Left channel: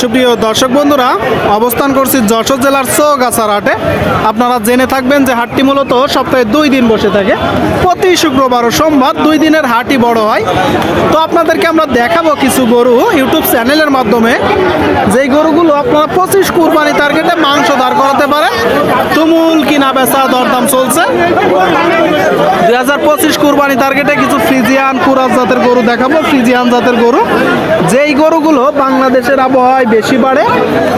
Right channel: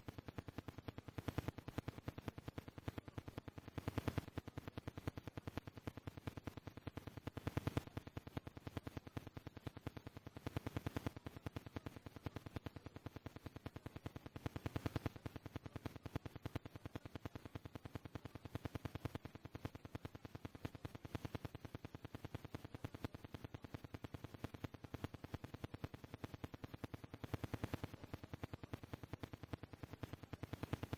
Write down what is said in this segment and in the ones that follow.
সুপ্রিয় দর্শক বন্ধুরা, অবস্থান করছি যশোর জেলার চৌগাছার হাটে আপনারা জেনে থাকবেন যে হাটটি মূলত সপ্তাহে দুই দিন বসে থাকে। প্রতি শুক্রবার ও সোমবার দুই দিনের হাটই বড় হয়। তো আপনাদেরকে আমরা দেখাবো কিছু গরু ইউটিউব চ্যানেলের মাধ্যমে। যেই গরুগুলো আপনারা পঁচিশ কুরবানি টার্গেটে মাংস দাঁড় করাতে পারেন। তুমুল কিনা বেচা, দরদাম চলছে। দুই হাজার পঁচিশ কুরবানি টার্গেটে কিছু ফ্রিজিয়ান কুরাজ জাতের গরু দেখাবো। ফ্রিজিয়ান জাতের গরু। যেই গরুগুলো বাংলাদেশের আবহাওয়ায় বেশি বাড়ে,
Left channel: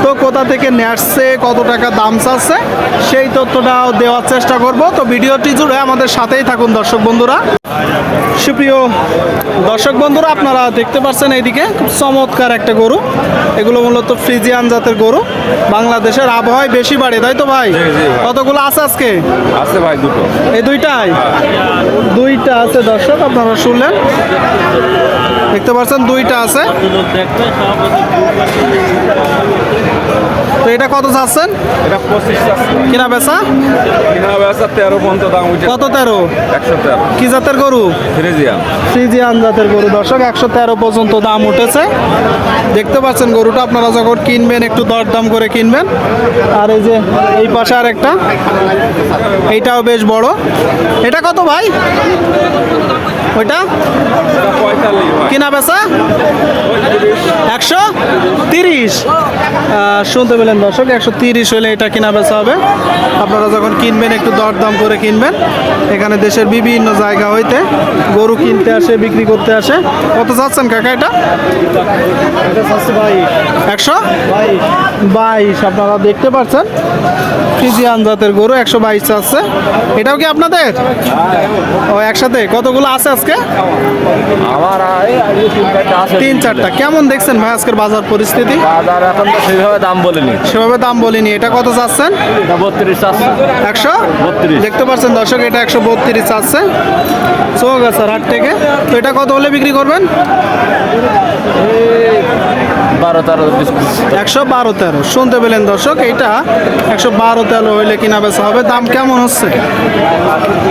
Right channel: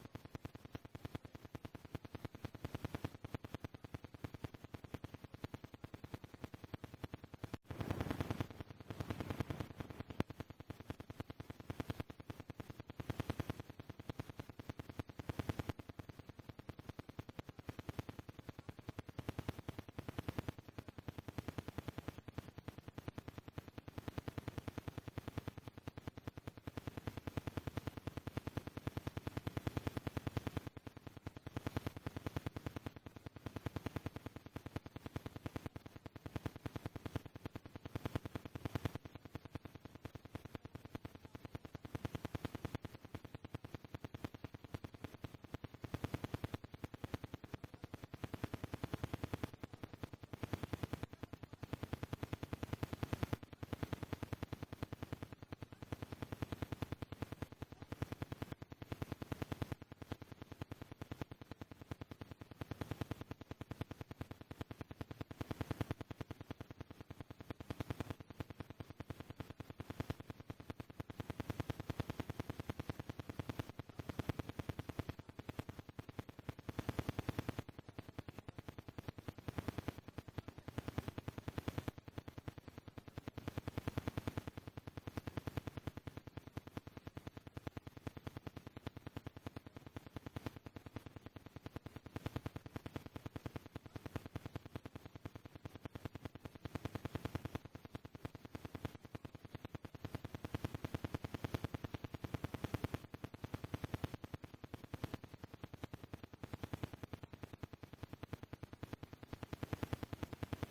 তো কোথা থেকে নেসছে কত টাকা দাম চাচ্ছে, সেই তথ্যটাও দেওয়ার চেষ্টা করব। তো ভিডিওটি জুড়ে আমাদের সাথেই থাকুন দর্শক বন্ধুরা। সুপ্রিয় দর্শক বন্ধুরা আপনারা দেখতে পাচ্ছেন এইদিকে খুব চমৎকার একটা গরু। এগুলো মূলত ফ্রিজিয়ান জাতের গরু। বাংলাদেশের আবহাওয়ায় বেশি বাড়ে তাই তো ভাই। কতগুলো আছে আজকে? আছে ভাই দুটো। এই দুইটাই? দুইটা আছে দর্শক আপনারা শুনলেন। দেখতে পাচ্ছেন দুইটা আছে। এটা কত চাচ্ছেন? এটা পঁচিশ কিনা বেচা? কিনা বেচা তেরো পর্যন্ত দাম উঠে কত তেরো? একশো তেরো। কি জাতের গরু? ফ্রিজিয়ান। ফ্রিজিয়ান জাতের গরু। দর্শক একশো তেরো পর্যন্ত দাম উঠেছে। দেখতে পাচ্ছেন গরুটা আপনারা যখন কিনবেন একটু দরদাম করে কিনবেন। আর এই যে এই পাশে আর একটা এইটাও বেশ বড়। এটা কত ভাই? ওইটা? কিনা বেচা? একশো তিরিশ। শুনতে পেলেন দর্শক একশো তিরিশ হলে এটা কিনা বেচা হবে। আপনারা যখন কিনবেন একটু দরদাম করে কিনবেন। এখানে দেশের বিভিন্ন জায়গা হইতে গরু কিনতে আসে বিক্রি করতে আসে। কত চাচ্ছেন কাকা এটা? একশো? বাইশ। আপনারা দেখতে পাচ্ছেন। ফ্রিজিয়ান জাতের গরু একশো বাইশ চাচ্ছে। এটাও কি আপনাদের? ও একসাথে? কতগুলো আছে আজকে? আমার তিন চারটা। আছে কেমন দেখছেন ভাই আজকের বাজার পরিস্থিতি? বাজার এখন তো সেইভাবে দাম বলেনি। সেভাবে দাম বলিনি। এটা কত চাচ্ছেন? বত্রিশ আছে একশো? 32 দেখতে পাচ্ছেন দর্শক এটা একশো বত্রিশ চাচ্ছে। চৌগাছার হাট থেকে। তো এটা কত হলে বিক্রি করবেন? বারো তেরো একশো বারো তেরো। শুনতে পেলেন দর্শক এইটা একশো বারো তেরো হইলে কিনা বেচা হবে। দাম কেমন হচ্ছে?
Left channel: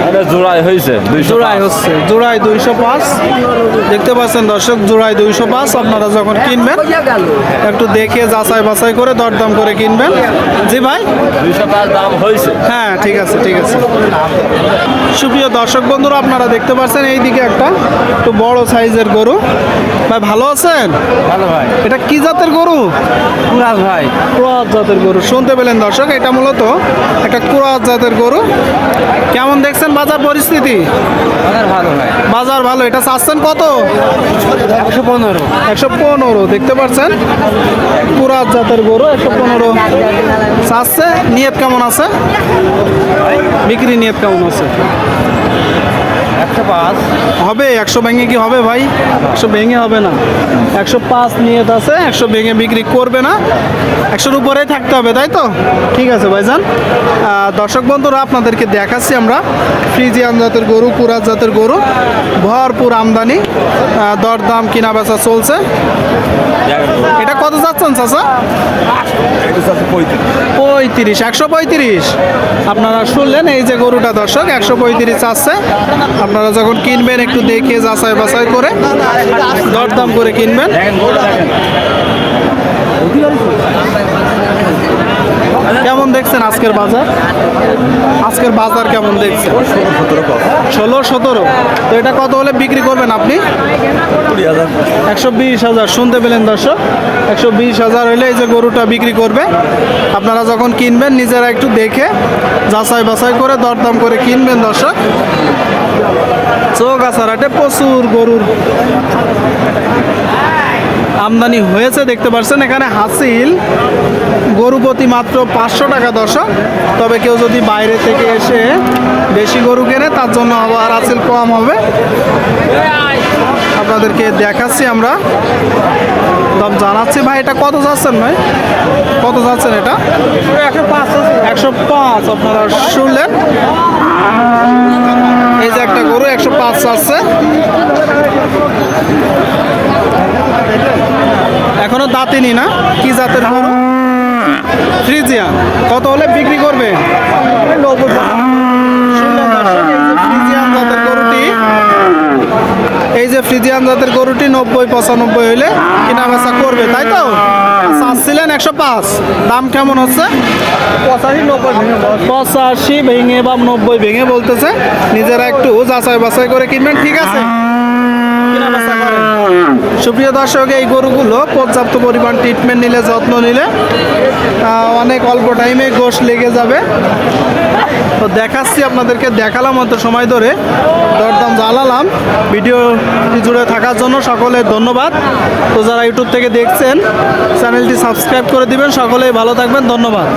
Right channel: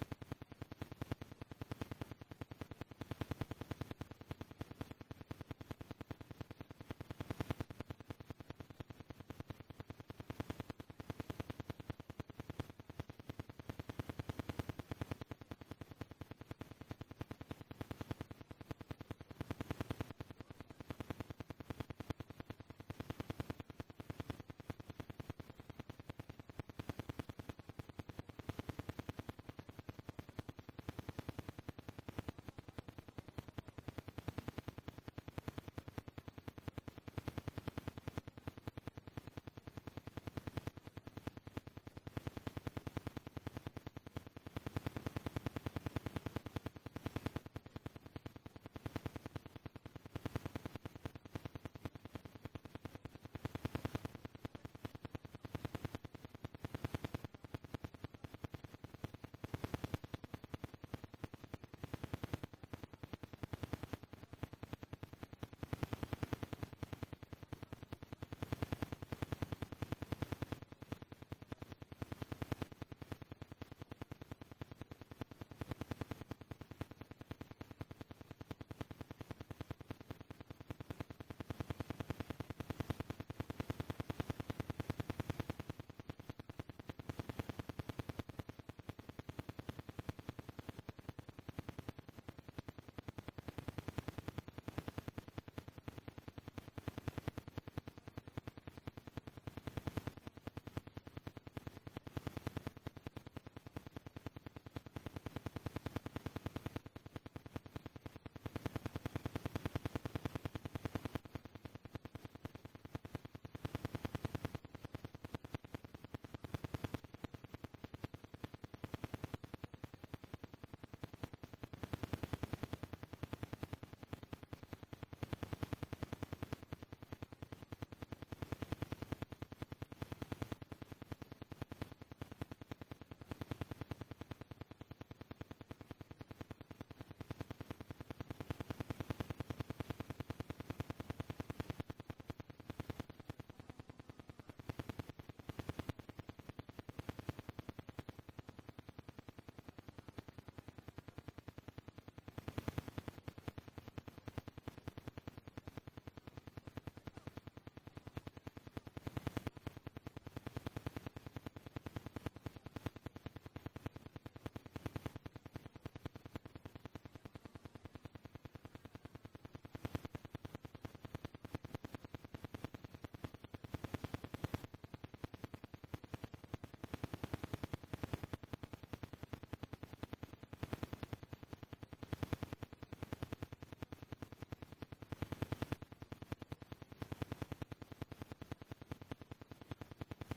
এটা জোড়াই হয়েছে জোড়াই হচ্ছে। জোড়াই দুইশো পাঁচ। দেখতে পাচ্ছেন দর্শক জোড়াই দুইশো পাঁচ। আপনারা যখন কিনবেন একটু দেখে যাচাই বাছাই করে দরদাম করে কিনবেন। জি ভাই? দুইশো পাঁচ দাম হয়েছে হ্যাঁ ঠিক আছে ঠিক আছে। সুপ্রিয় দর্শক বন্ধুরা আপনারা দেখতে পাচ্ছেন এইদিকে একটা একটু বড় সাইজের গরু। ভাই ভালো আছেন? ভালো ভাই। এটা কি জাতের গরু? কুরাজ ভাই। ক্রোয়াত জাতের গরু। শুনতে পেলেন দর্শক এটা মূলত একটা ক্রোয়াত জাতের গরু। কেমন দেখছেন বাজার পরিস্থিতি? বাজার ভালো ভাই। বাজার ভালো এটা চাচ্ছেন কত? একশো পনেরো। একশো পনেরো দেখতে পাচ্ছেন? পুরাত জাতের গরু একশো পনেরো। চাচ্ছে নিয়ত কেমন আছে? বিক্রি নিয়ত কেমন আছে? একশো পাঁচ হবে? একশো ভেঙে কি হবে ভাই? একশো ভেঙে হবে না। একশো পাঁচ নিয়ত আছে, একশো ভেঙে বিক্রি করবে না। একশোর উপরেই থাকতে হবে, তাই তো? ঠিক আছে ভাইজান। দর্শক বন্ধুরা, আপনাদেরকে দেখাচ্ছি আমরা। ফ্রিজিয়ান জাতের গরু কুরাত জাতের গরু, ভরপুর আমদানি দরদাম কিনা বেচা চলছে। এটা কত যাচ্ছেন চাচা? পঁয়ত্রিশ, একশো পঁয়ত্রিশ। আপনারা শুনলেন এই যে গরুটা দর্শক, একশো পঁয়ত্রিশ আছে। আপনারা যখন কিনবেন, একটু দেখে যাচাই বাছাই করে দরদাম করে কিনবেন। কেমন দেখছেন আজকের বাজার? আজকের বাজার কেমন দেখছেন? ষোলো সতেরো। তো এটা কত হলে বিক্রি করবেন আপনি? একশো বিশ হাজার, শুনতে পেলেন দর্শক? একশো বিশ হাজার হলে এই যে গরুটা বিক্রি করবে। আপনারা যখন কিনবেন, নিজেরা একটু দেখে যাচাই বাছাই করে দরদাম করে কিনবেন দর্শক। চোখ আসারাটে প্রচুর গরুর আমদানি হয়েছে দেখতে পাচ্ছেন এখানে হাসিল। গরু প্রতি মাত্র পাঁচশো টাকা দশক। তবে কেউ যদি বাইরে থেকে এসে বেশি গরু কেনে তার জন্য আবার হাসিল কম হবে। আপনাদেরকে দেখাচ্ছি আমরা। দাম জানাচ্ছি ভাই এটা কত যাচ্ছেন ভাই? কত যাচ্ছেন এটা? একশো পাঁচ আপনারা শুনলেন? এই যে একটা গরু, একশো পাঁচ আছে। এখনও দাঁতিনি না? কি জাতের গরু? ফ্রিজিয়া কত হলে বিক্রি করবে? শুনলেন দর্শক, এই যে ফ্রিজিয়ান জাতের গরুটি এই যে ফ্রিজিয়ান জাতের গরুটি নব্বই পঁচানব্বই হইলে কিনা বেচা করবে তাই তো? চাচ্ছিলেন একশো পাঁচ। দাম কেমন হচ্ছে? পঁচাশি নব্বই ভেঙে পঁচাশি ভেঙে বা নব্বই ভেঙে বলতেছে নিজেরা একটু যাচাই বাছাই করে কিনবেন ঠিক আছে। সুপ্রিয় দর্শক এই গরুগুলো পর্যাপ্ত পরিমাণ ট্রিটমেন্ট নিলে যত্ন নিলে অনেক অল্প টাইমে গোশ লেগে যাবে। তো দেখাচ্ছি আপনাদেরকে, দেখালাম অত সময় ধরে। দরদাম জ্বালালাম। ভিডিও জুড়ে থাকার জন্য সকলের ধন্যবাদ। তো যারা ইউটিউব থেকে দেখছেন, চ্যানেলটি সাবস্ক্রাইব করে দিবেন। সকলেই ভালো থাকবেন। ধন্যবাদ।